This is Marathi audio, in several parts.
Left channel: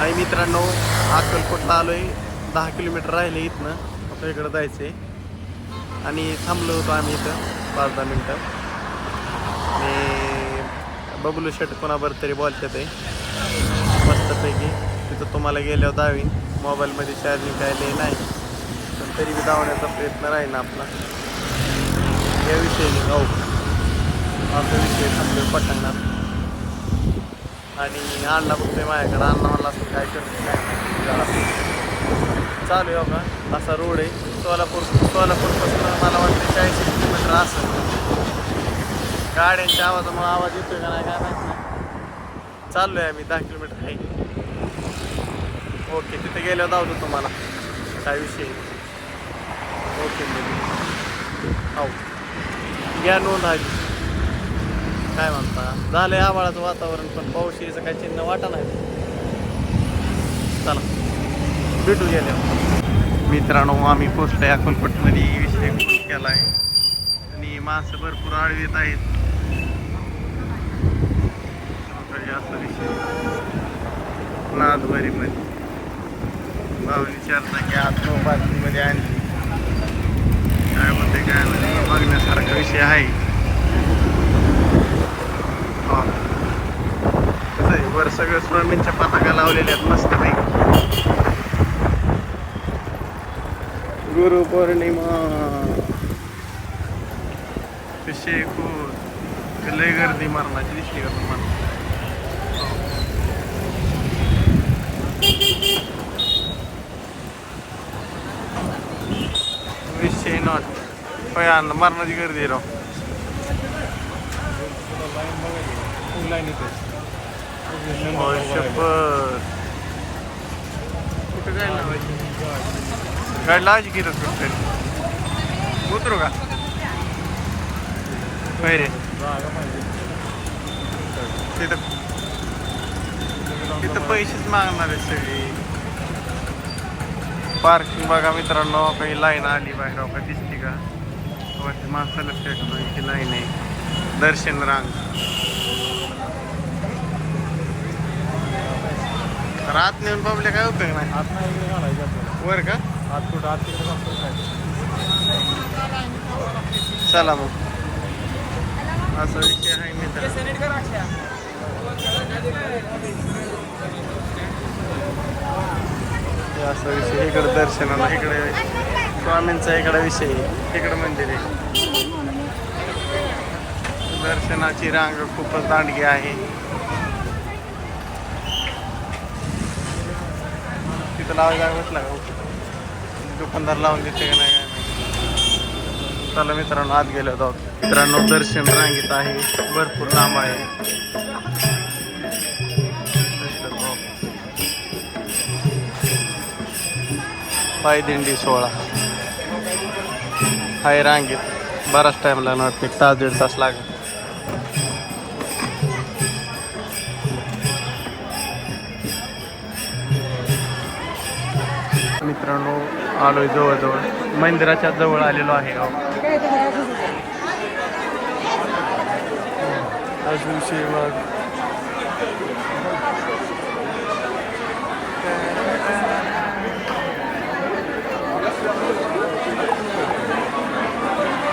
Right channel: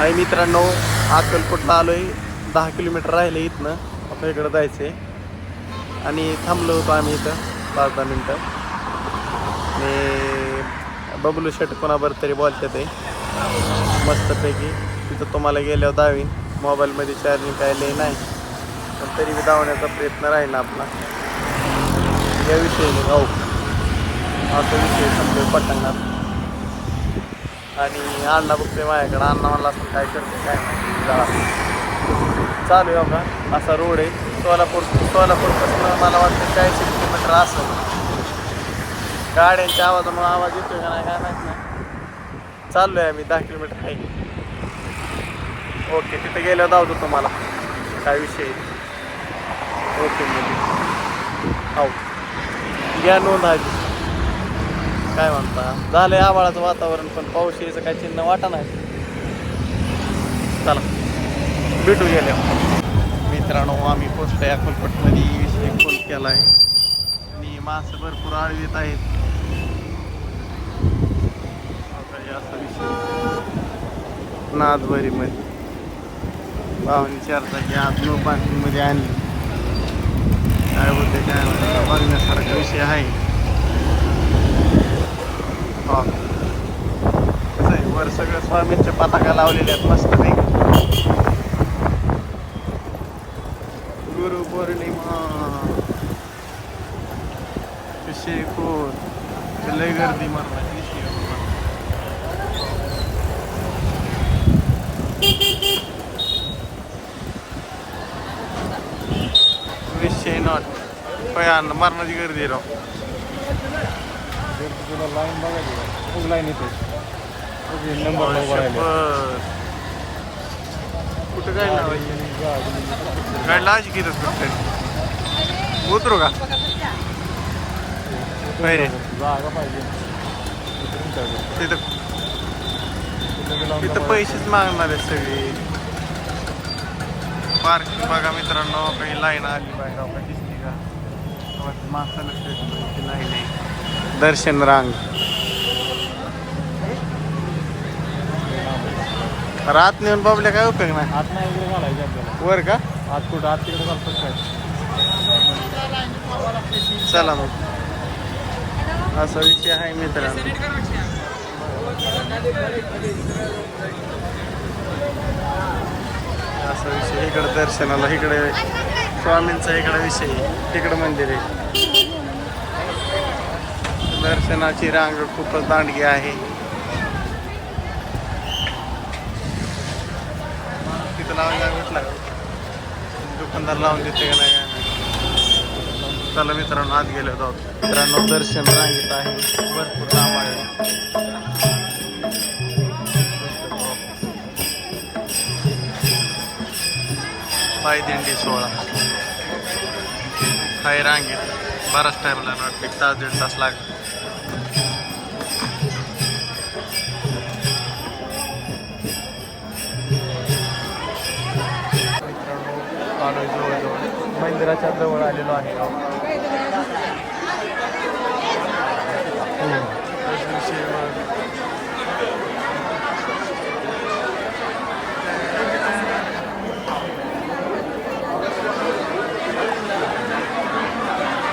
आणि मित्रांनो अक्कलकोटला आलोय? दहा किलोमीटर राहिले इथनं. आपल्या इकडं जायचंय. आणि थांबलो होतो आम्ही इथं पाच दहा मिनटं. आणि बबलू शेट कोणावर तरी बॉलच्यात आहे. मस्तपैकी. तिथं तुम्हाला गेल्यावर दावीन. मोबाईलमध्ये चार्जिंग काय लई नाही. पण तरी बी धावण्याचा प्रयत्न राहील आपला. या विषयी हो. असा विषय थांबलोय पटांगणात. आणि अण्णा बघतोय माझ्याकडे. अण्णा म्हणला असं काय करते काय माहिती जरा. चालू आहे बघा. असा रोड आहे. सोलापूर सोलापूरपासून मला वाटतं चाळीस किलोमीटर असं गाड्यांच्या आवाजामुळे आवाज येतोय का नाही काय माहीत नाही. चाललो आहे आम्ही दहा किलोमीटर आहे. ओके तिथे गेल्यावर धावतो तुम्हाला. काय विषय आहे. ओके म्हणजे हो घ्या नोंद आहे काय म्हणता? झालंय आबाळाचं वातावरण पण पाऊस यायचं काय चिन्ह वाटा नाही. चला भेटू गेल्या. मित्रांनो आम्ही पोचलोय अकोलकोटमध्ये विषय फोन केला आहे आणि माणसं भरपूर आळू येत आहेत. वगैरे असा विषय. नादबरी मध्ये पाहुणे चार जागी आतून आणली. काय बोलते काय माहिती, बघण्यासारखा विषय आहे. हा. कसं आहे वर सगळं स्वामींच्या पताका लावलेल्या आहेत मस्त नाही गुरु पौर्णिमा. कसे खूप लय गर्दी मरणाची दिसते का तुम्हाला? विषय नॉट अन्न मरणाची गर्दी कुठे जायला लावायची? गाडी लावायची की कुठे उतरू का? होय रे तिथं तिथं पैसेच मागणार आहेत सगळी. पार्किंग बघा मित्रांनो काही लाईन आली बाहेर का दिसली का? वरती माणसं लक्ष की लाईन आहे. दर्शन रांग. रात नेऊन बाबल्या काय उपयोग नाही? वर का? चला मग. असा विषय आहे मित्र असा विषय इकडे दर्शनाला इकडे स्वामींचा इकडे विषय तिकडे मंदिर आहे. दर्शनाची रांग खूपच दांडगी आहे. तिथं लावायला भेटला का? दुकानदार लावून देते का नाही काय नाही. चला मित्रांनो आत गेलो जाऊ मित्रांनो दर्शन रांगेत आहे. भरपूर लांब आहे. पायदिंडी सोहळा. हाय रांगेत. बराच टाइम लागणार. एक तास दीड तास लागेल. आलोय जवळजवळ. मंदिराच्या जवळ आलेलो आहे मग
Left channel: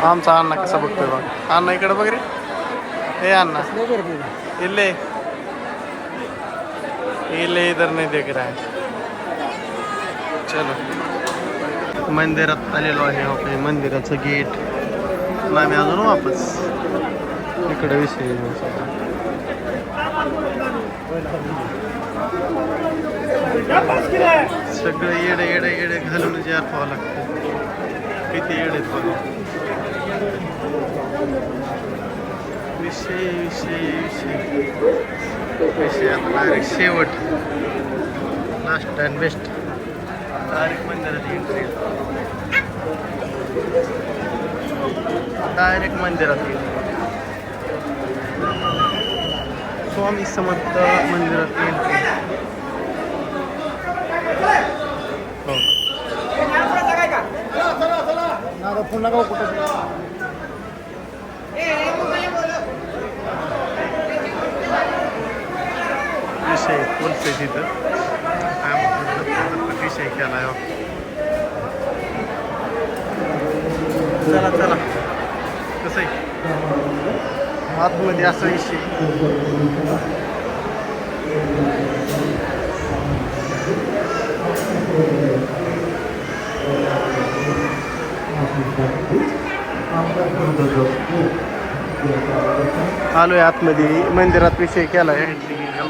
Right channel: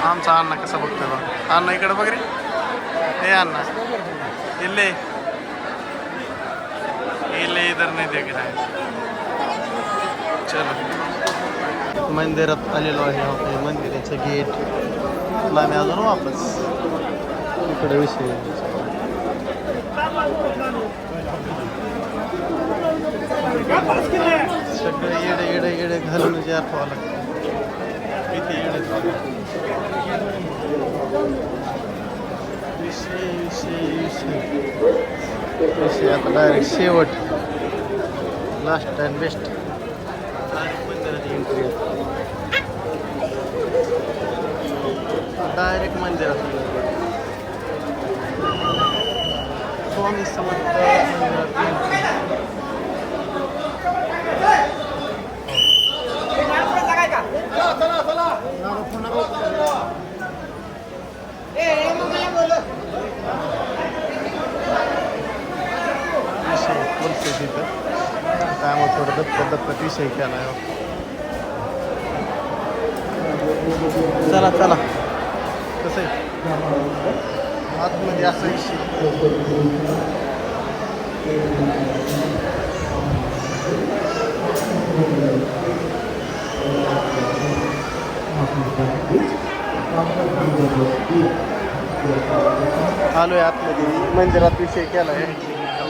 आमचा अण्णा कसा बघतोय बघ. अण्णा इकडे बघ रे. हे अण्णा. इल्ले. इल्ले इधर नाही देख रहा है. चलो. मंदिरात आलेलो आहे आपण. मंदिराचं गेट आम्ही अजून वापस. इकडे विषय सगळे येडे येडे येडे घालून जे पाहावं लागतं. किती येडे विषय विषय विषय. विषय शेवट. लास्ट अँड बेस्ट डायरेक्ट मंदिरात एंट्री डायरेक्ट मंदिरात. स्वामी समर्थ मंदिरात एंट्री तिथं हो. कोर्स आहे तिथं थोडं दत्त विषय केला आहे हो. चला चला. कसं आहे? आतमध्ये असा विषय. आलोय आतमध्ये. मंदिरात विषय केला आहे कसं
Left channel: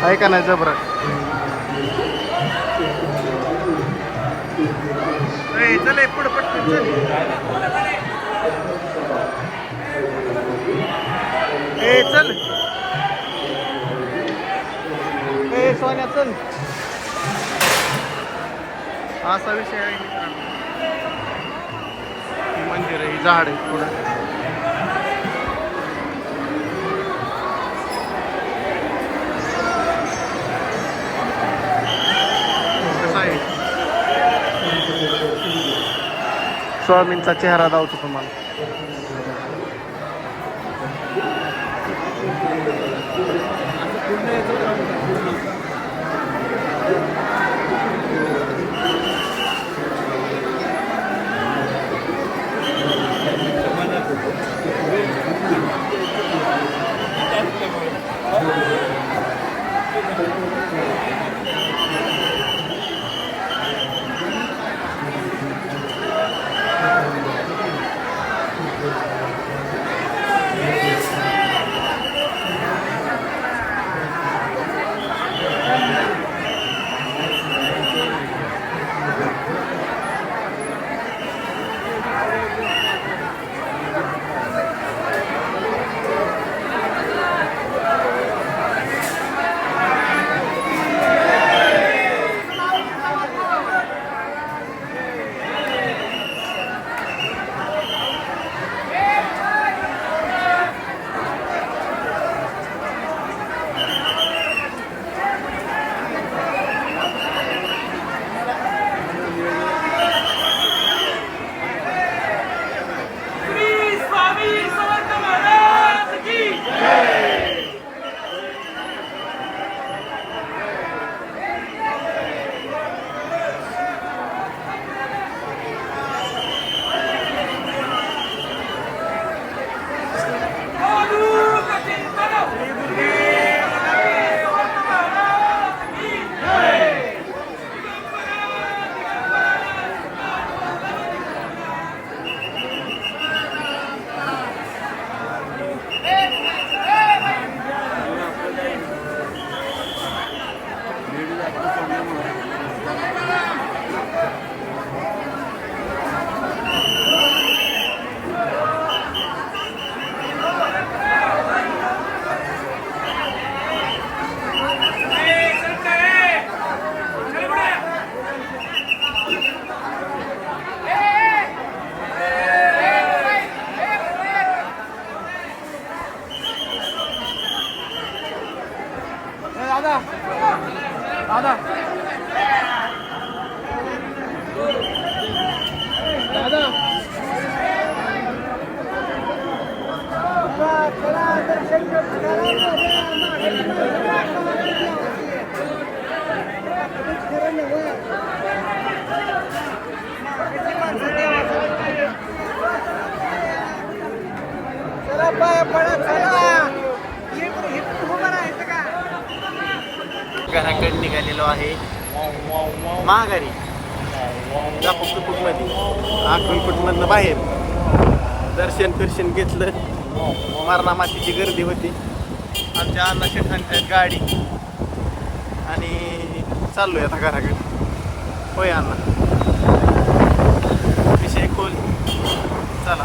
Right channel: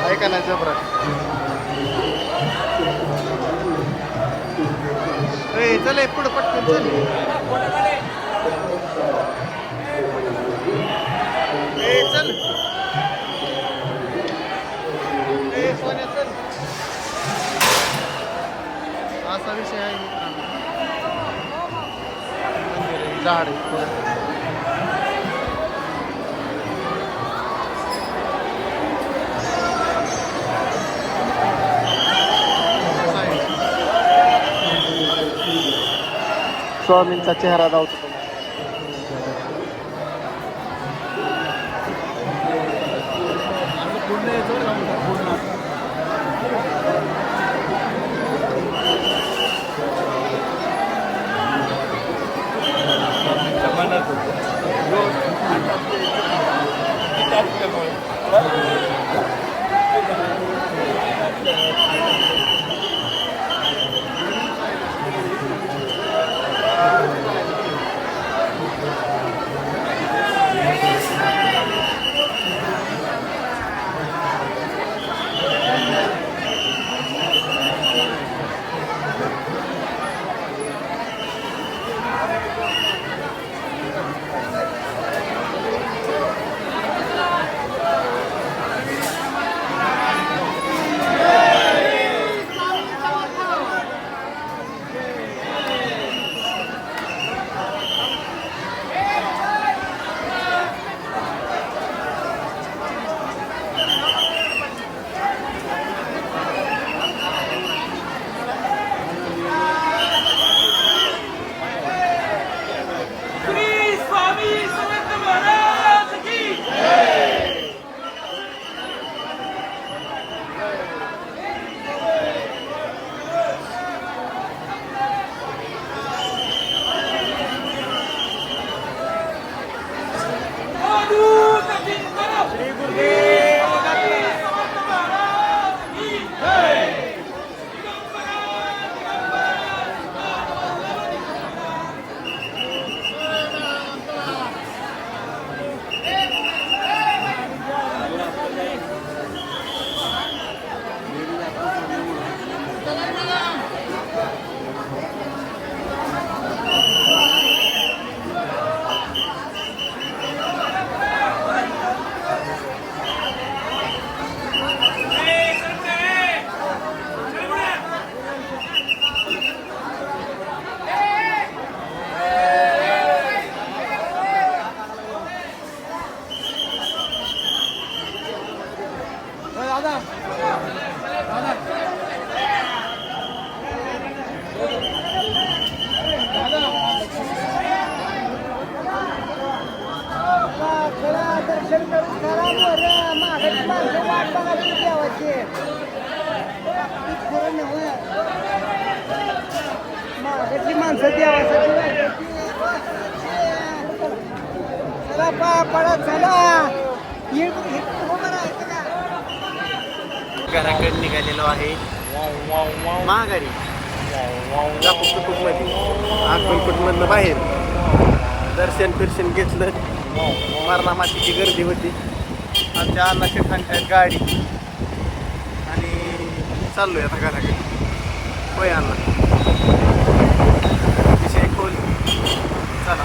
आहे का नाही जबरा? ए, चल ए, पुढं पटकन चल. ए चल. ए सोन्या चल. असा विषय आहे मित्रांनो. झाड आहे पुढं. कसं आहे? स्वामींचा चेहरा दावतो तुम्हाला. vergonha. घराकडे निघालेलो आहे. महागारी मध्ये अक्कलकोटमधनं बाहेर. दर्शन फिरशन घेतलं. मरणा मातीची गर्दी होती. आमच्या अन्नाच्या ठाणतात गाडी. आणि चाललोय आता घराकडे. होय अण्णा. विषय खोल. चला.